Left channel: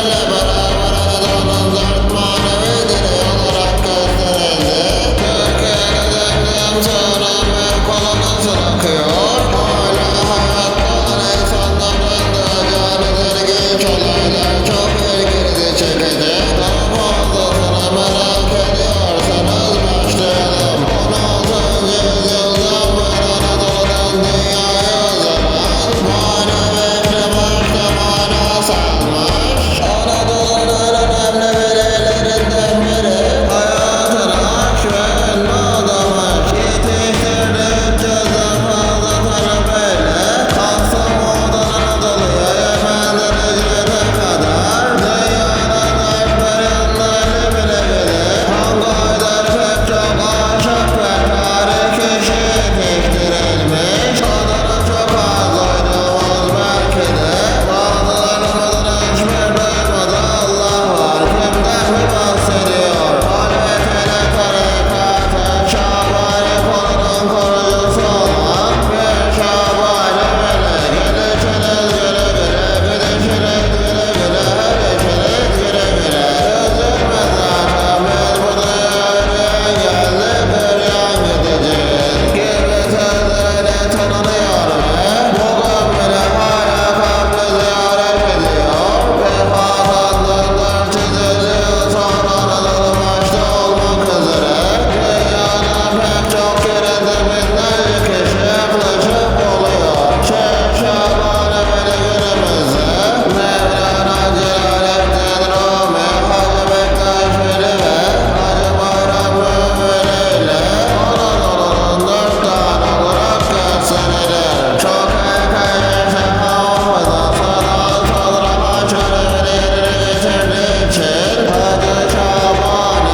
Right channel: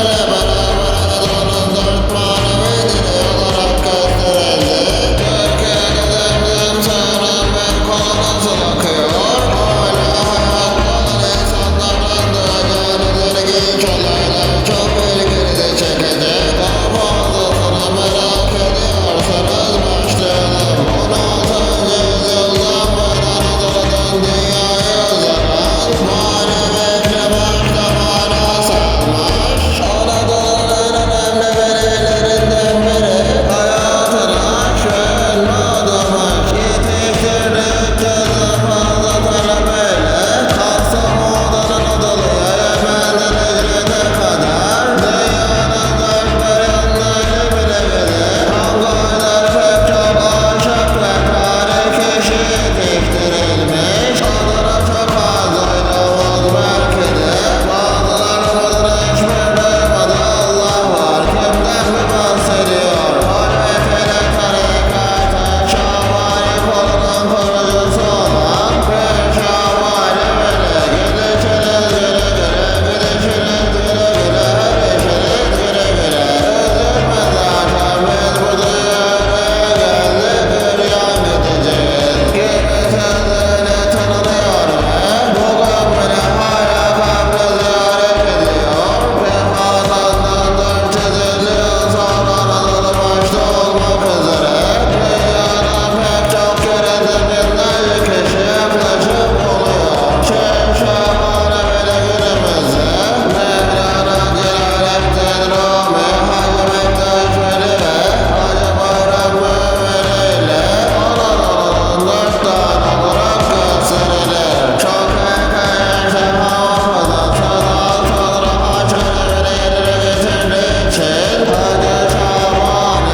peygamberlerle beraber Anadolu'nun dört manevi direği olarak gösterildi. Türkiye'de Zemzem suyunun bir kolu nasıl akıyor? Hala hayatta olan insanların duyacağınız ilginç olaylar çok ilginizi çekecek. Daha fazlasını merak ediyorsanız başlayalım. 16. yüzyıldan beri Anadolu'dan dünyaya uzanan maneviyekle başta mana salmış. Anadolu'nun en önemli velilerinden biri hayatını aşk ve ilme adamış. Yetiştirdiği 300'den fazla talebeyle Kastamonu'dan Anadolu'ya, Yemen'den Hicret'e kadar dünyanın dört bir yanlarını bile bilir. Hangaydar pek çok aşık ve tarih kişi yetiştirilmiş. Adını çok az duyduğumuz belki de bazılarının adını hiçbir duymadı. Allah var, kimden mi bahsediyor? Halvetiyle tarikatı Şabani kolunun kurucusu olan Pir Şabani Veli. Gidişiniz güle güle, gidişiniz güle güle, her işiniz güle güle. Üzülme zaten biz bu dünyaya geldik, üryan gideceğiz gibi sözlerle tanınıyor ve bugün bile hala kabri ziyaret ediyor. Vefatından 450 yıl sonra Anadolu başta olmak üzere dünyanın pek çok yerinde binlerce kişi yaklaşıp oluyor. Şeyh Şabani Veli günümüzde Mevlana Celaleddin Rumi, Hacı Bektaş Veli ve Hacı Bayram Veli ile Anadolu'nun dört tane olarak gösterilir. Çok erken yaşta hafızası daha sonra haç görevini yerine getirdiği için Hacı Şabani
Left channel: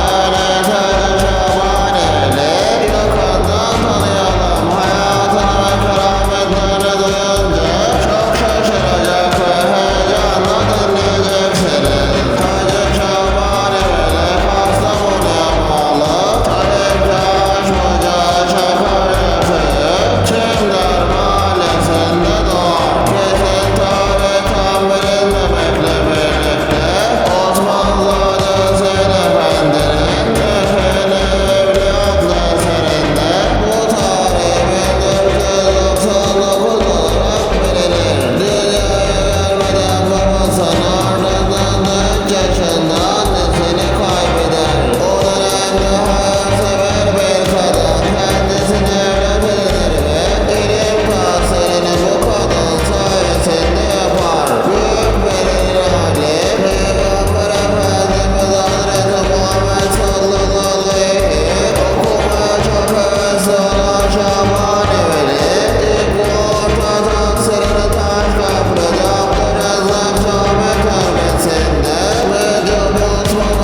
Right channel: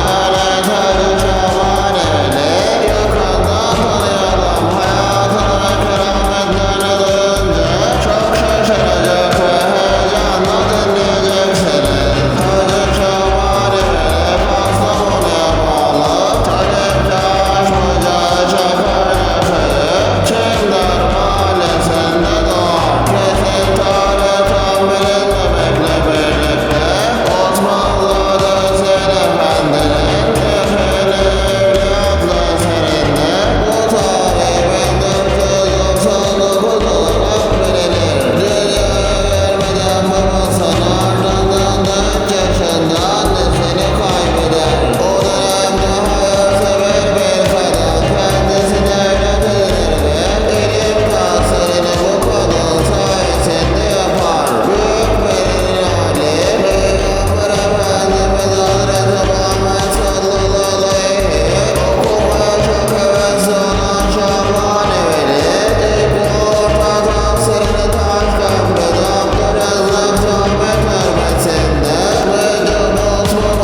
Hacı Şabani Veli yakından tanıyalım. Hayatını ve kerametlerini duyunca çok şaşıracak ve heyecanla dinleyeceksiniz. Hacı Şabani Veli Kastamonu'ya bağlı Talipçi Aşmıca Çakırca köyü Çimdar mahallesinde doğar. Kesin tarih tam bilinmemekle birlikte Osmanzade Hüseyin Efendi'nin Efe'li Evli adlı eserinde bu tarih 1499 olarak bilinir. Dünyaya gelmeden babasının ardından da 3 yaşında annesini kaybeder. O dönemde hayırsever bir kadın kendisine evlat edinir ve ilim tahsilini bu kadın sayesinde yapar. Büyük velinin hali Peygamber Efendimiz Hazreti Muhammed sallallahu aleyhi okumaya çok hevesli olan Şabani Veli ilk orta tahsilini Taşköprü'de Abdürezzak Cami Terbiyesi'nde Mecub Osman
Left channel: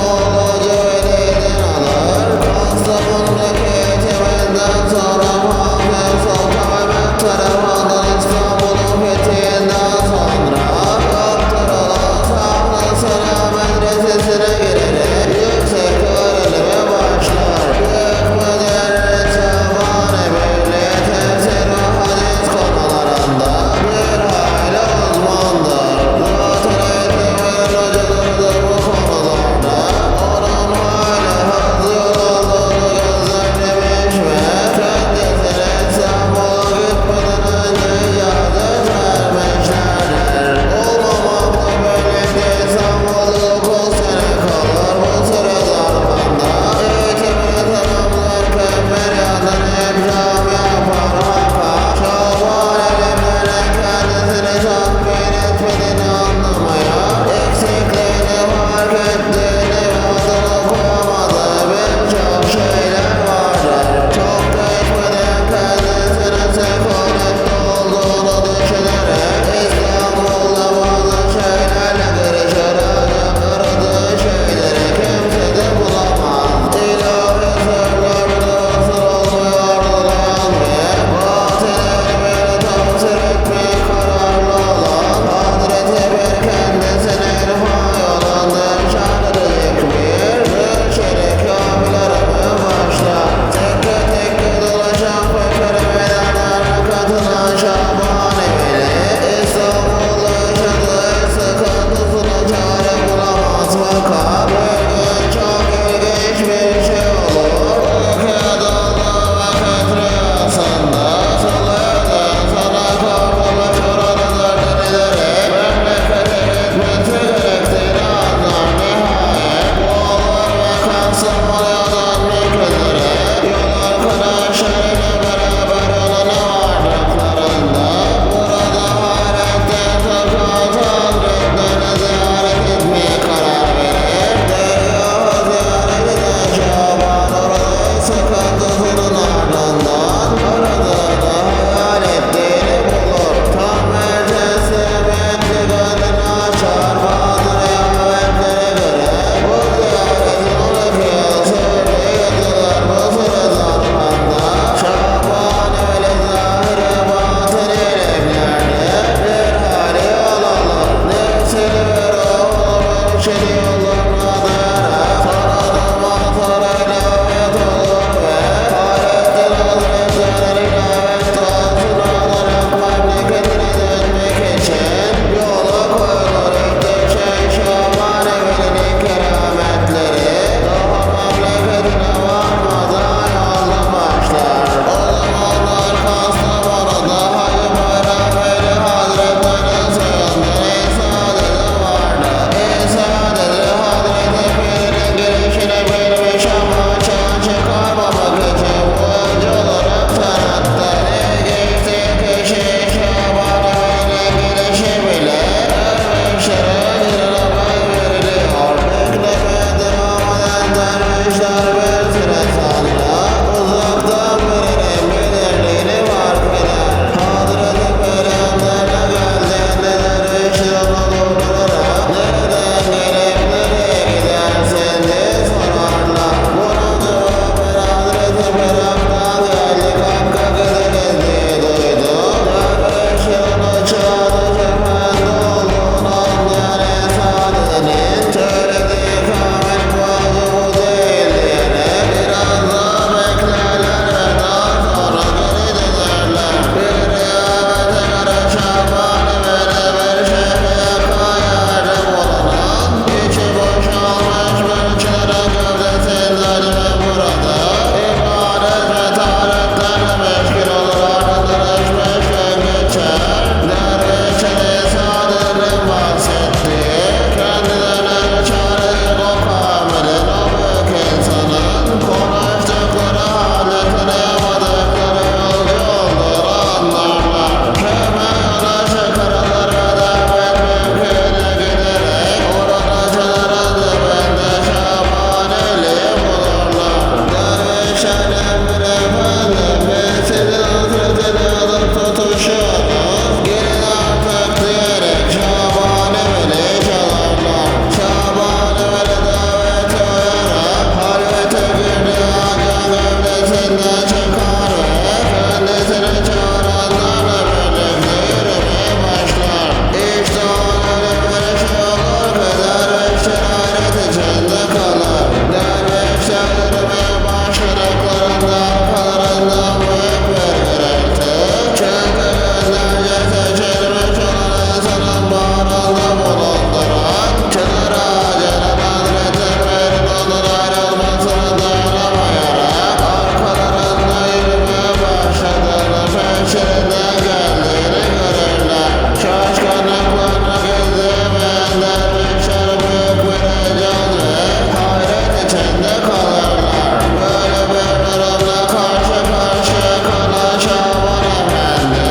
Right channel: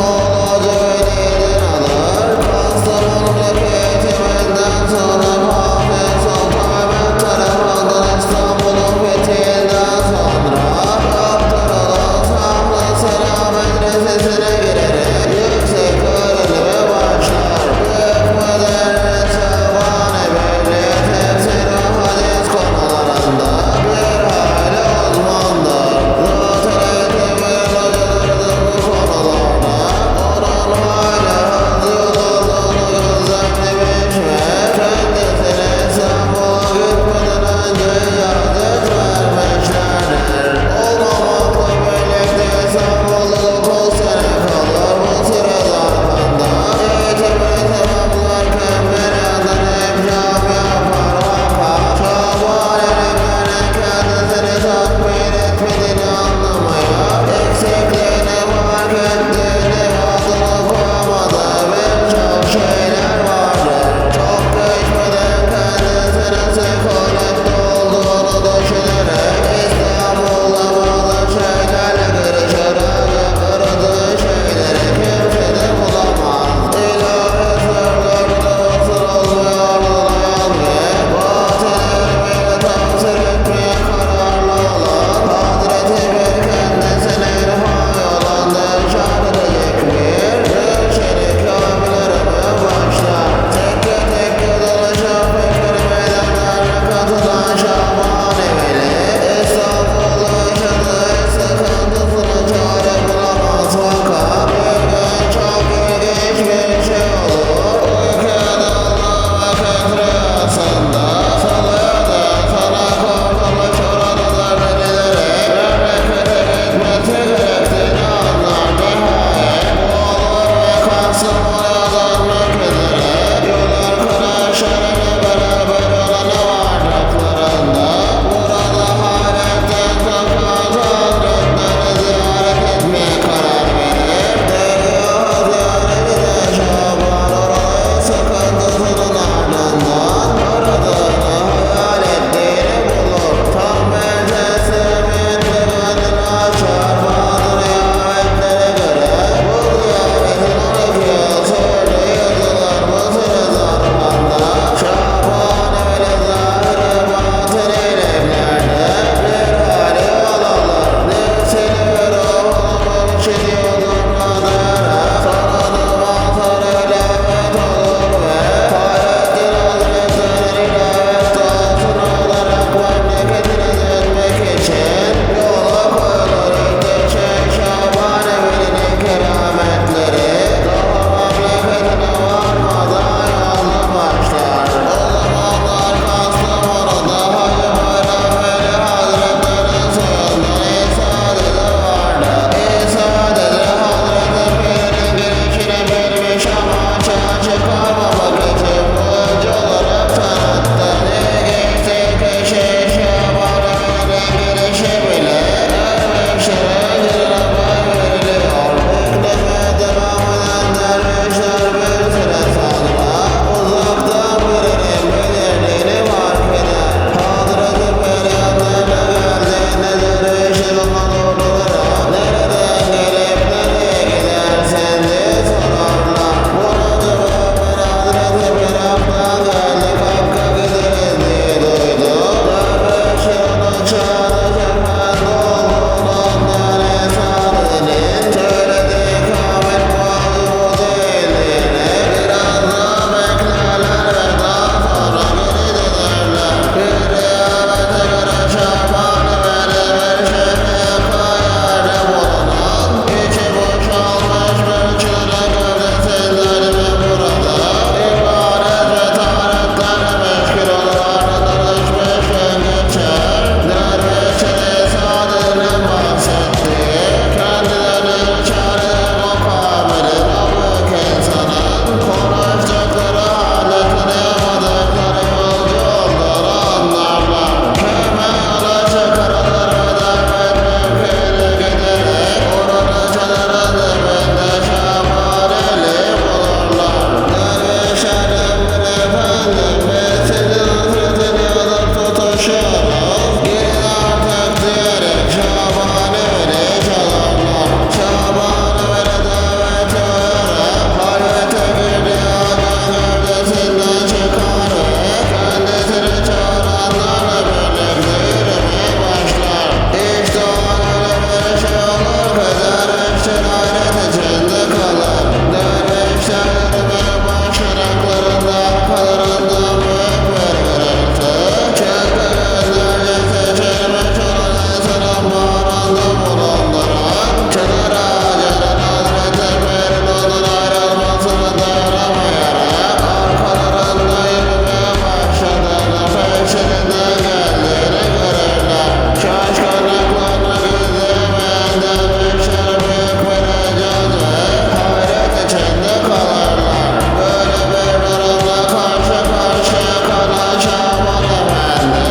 Dervişler hayret içinde kalır. Dervişler yürümeye başladıklarında arkalarından büyük bir gürültü. Çünkü günlerce seçilmiş olan insanın bağrında bulunduran çınar ağacının Hazreti Pir'in onun ayrılmasını dayanamayarak arkalarında yürümeye başladığını, peşlerinden geldiğini görürler. Şaşkınlıklarına gizleyemeyen dervişler büyük bir heyecan ve hayret içinde kalırlar. Böyle bir durumla karşı karşıya kalan Şaban Efendi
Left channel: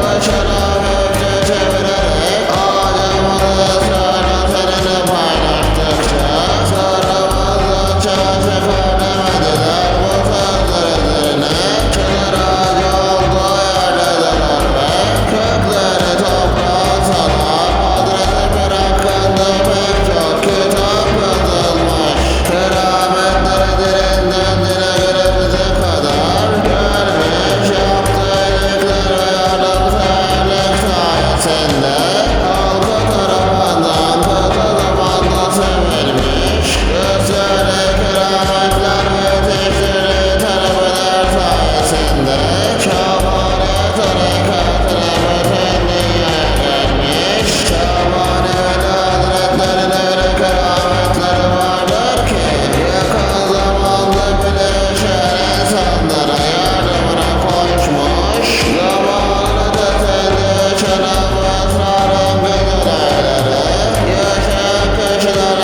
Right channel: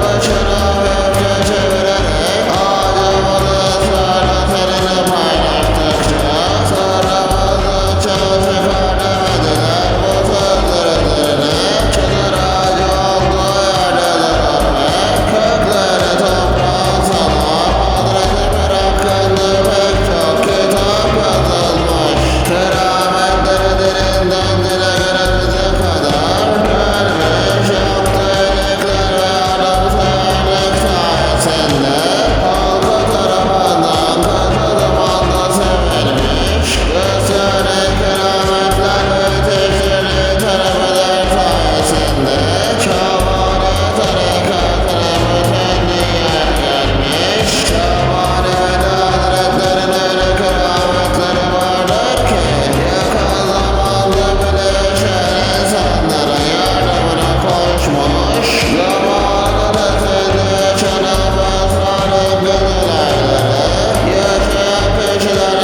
başını hafifçe çevirerek ağacımızı ısrarla seninle paylaştıkça sırrımızı çıkar demediler. Bu sözler üzerine çınar ağacı olduğu yerde durur ve kökleri toprağa salar. Hazreti Pir hakkında pek çok kitap yazılmış. Kerametleri dilinden dile günümüze kadar gelmiş. Yaptığı iyilikler ve yardımseverlik sayesinde halkı tarafından kısa zamanda sevilmiş. Gösterdiği kerametler ve yetiştirdiği talebeler sayesinde Şabani tarikatına bütün dünyaya gelmiş. Şabani Hazretlerinin öyle kerametleri vardır ki yakın zamanda bile yaşayan insanlara yardımına koşmuş. Zamanı tesinde yaşanan bu esrarengiz olayları yaşayan kişilere